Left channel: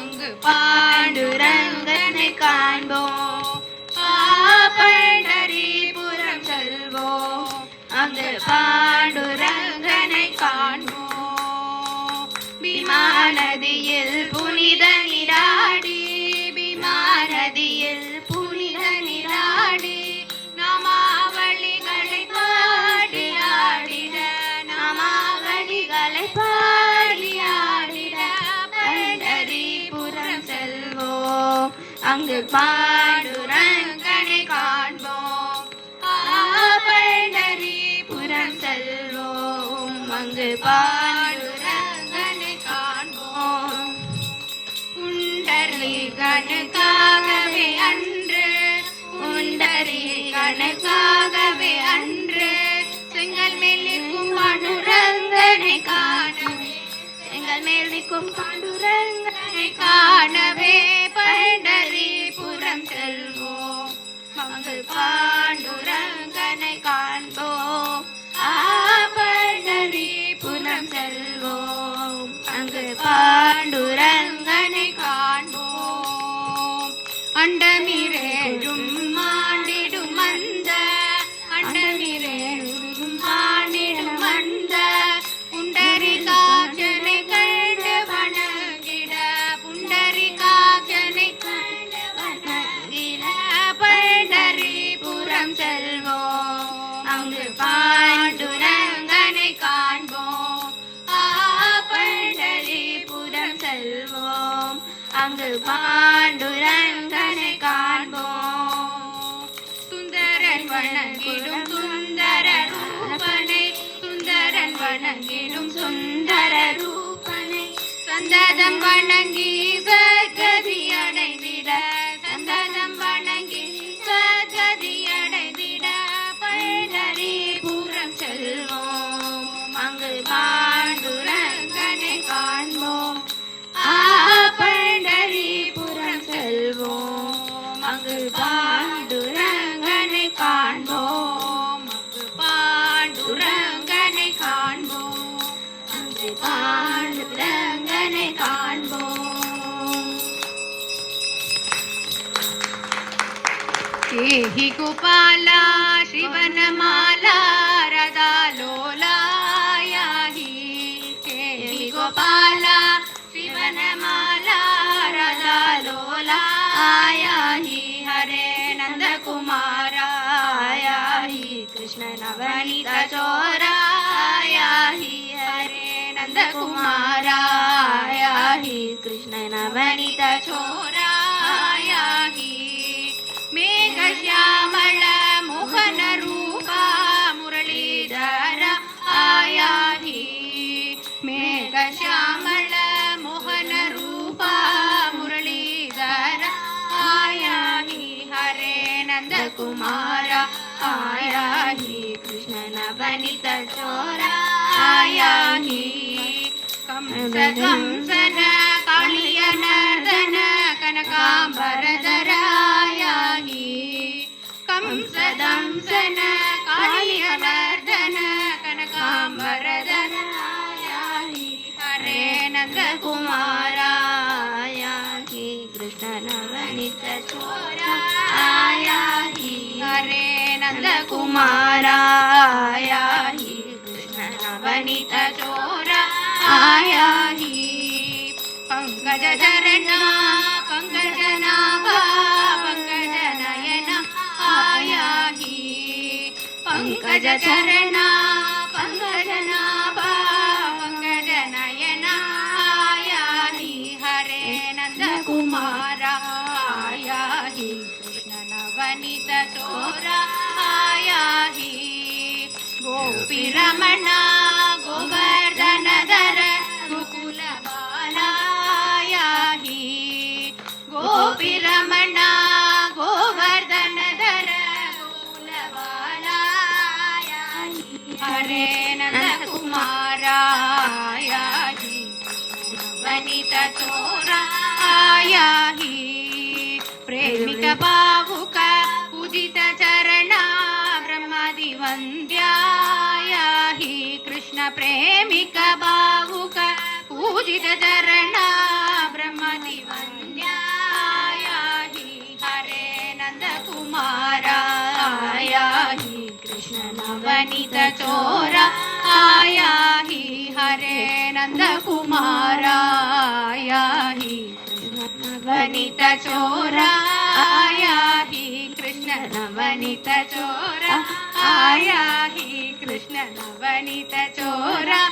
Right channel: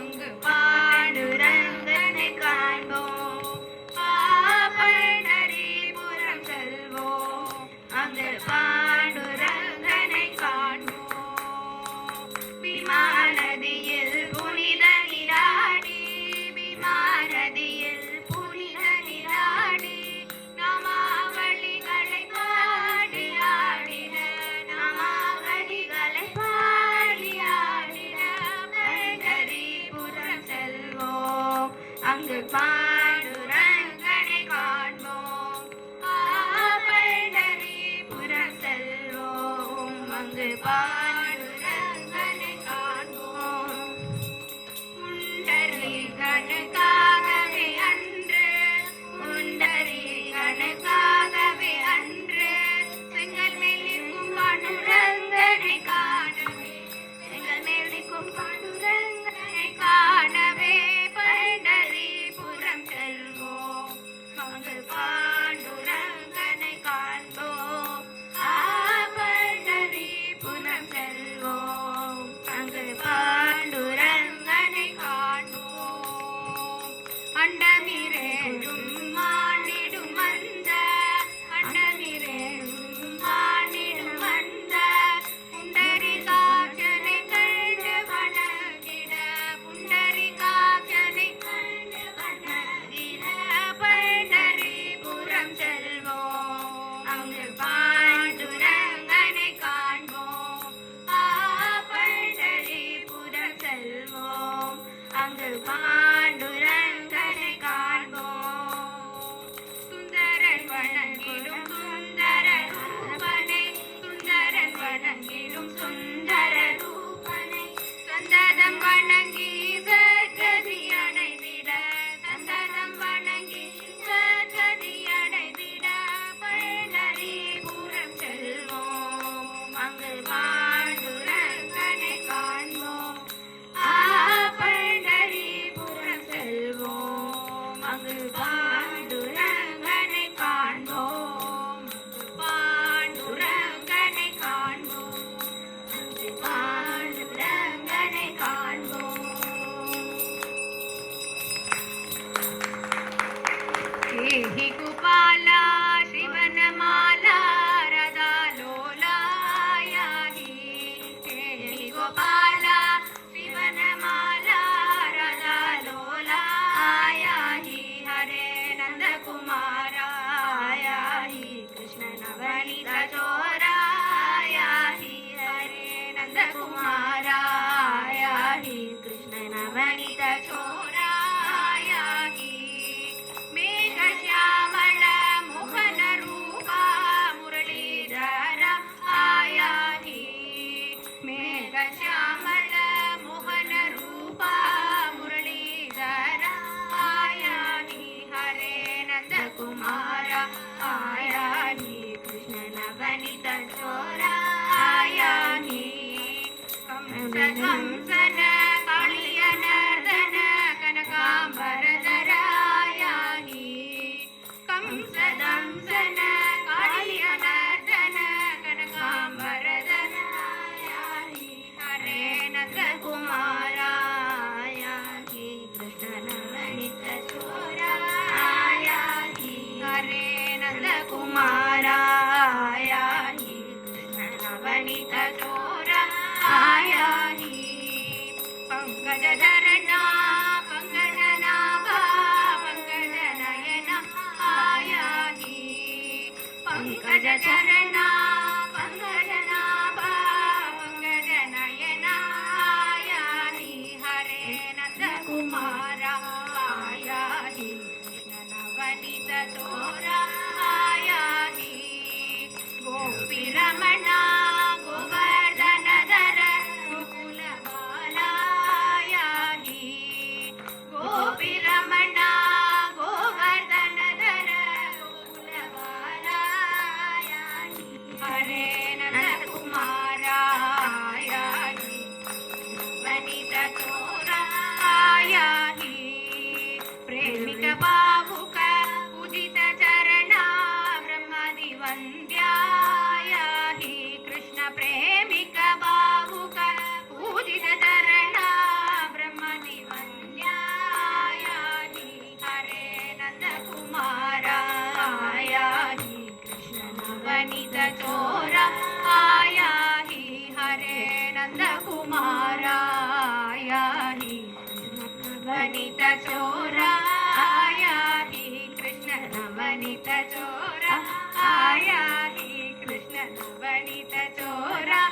அங்கு பாண்டுரங்கனை காண்போம். பண்டரிபுரம் செல்வோம், அங்கு பாண்டுரங்கனை காண்போம். பீமா நதியில் புனித நீராடி, பீமா நதியில் புனித நீராடி, நாமாவளிகளை பாடி ஆடிட, நாமாவளிகளை பாடி ஆடிட பண்டரிபுரம் செல்வோம், அங்கு பாண்டுரங்கனை காண்போம். பண்டரிபுரம் செல்வோம், அங்கு பாண்டுரங்கனை காண்போம். புண்டரீகனுக்காகவே அன்று, புண்டரீகனுக்காகவே அன்று செங்கல் மேலிக்கும் பாண்டுரங்கனை காணவே, செங்கல் மேலிக்கும் பாண்டுரங்கனை காணவே பண்டரிபுரம் செல்வோம், அங்கு பாண்டுரங்கனை காண்போம். பண்டரிபுரம் செல்வோம், அங்கு பாண்டுரங்கனை காண்போம். அண்டமிரேழும் மாண்டிடும் அந்த, அண்டமிரேழும் மாண்டிடும் அந்த புண்டரீகாட்சனை கண்டு வணங்கிட, புண்டரீகாட்சனை கண்டு வணங்கிட பண்டரிபுரம் செல்வோம், அங்கு பாண்டுரங்கனை காண்போம். பண்டரிபுரம் செல்வோம், அங்கு பாண்டுரங்கனை காண்போம். சுந்தரன் வணங்கிடும் சுந்தர ரூபனை, சுந்தரன் வணங்கிடும் சுந்தர ரூபனை சந்ததம் வணங்கி சத்கதி அடைந்திட, சந்ததம் வணங்கி சத்கதி அடைந்திட பண்டரிபுரம் செல்வோம், அங்கு பாண்டுரங்கனை காண்போம். பண்டரிபுரம் செல்வோம், அங்கு பாண்டுரங்கனை காண்போம், அங்கு பாண்டுரங்கனை காண்போம், அங்கு பாண்டுரங்கனை காண்போம். ஏஹி கோபாலா சிவனமாலா ரதாலோலாயாஹி, ஏஹி கோபாலா शिवनमाला रदालोलायाहि, हरे नन्दकुमारायाहि कृष्ण नवनीत चोरायाहि, हरे नन्दकुमारायाहि कृष्ण नवनीत चोरायाहि. मेघश्यामल मोहन रूपा मुरलीधर आयाहि, मेघश्यामल मोहन रूपा मुरलीधर आयाहि, हरे नन्दकुमार आयाहि कृष्ण नवनीत चोरा आयाहि. कंसन कालियनर्दन कनकाम्बरधर आयाहि, कंसदंसन कालियनर्दन कनकाम्बरधर आयाहि, हरे नन्दकुमारायाहि कृष्ण नवनीत चोरायाहि, हरे नन्दकुमारायाहि कृष्ण नवनीत चोरायाहि. पंकजधरणा पंकजनाभा पंकजनयना आयाहि, पंकजधरणा पंकजनाभा पंकजनयना आयाहि, हरे नन्दकुमारायाहि कृष्ण नवनीत चोरायाहि. गोपीरमणा गोवर्धनधर गोकुल बालायाहि, गोपीरमणा गोवर्धनधर गोकुल बालायाहि, हरे नन्दकुमारायाहि नवनीत चोरायाहि. प्रेमिक भावुक पूजित चरणा ब्रह्मादि वन्द्यायाहि, कृष्ण प्रेमिक भावुक पूजित चरणा ब्रह्मादि नवनीत चोरा आया ही हरे नंद कुमारा आया ही नवनीत चोरा आया ही कृष्ण नवनीत चोरा आया ही कृष्ण नवनीत चोरा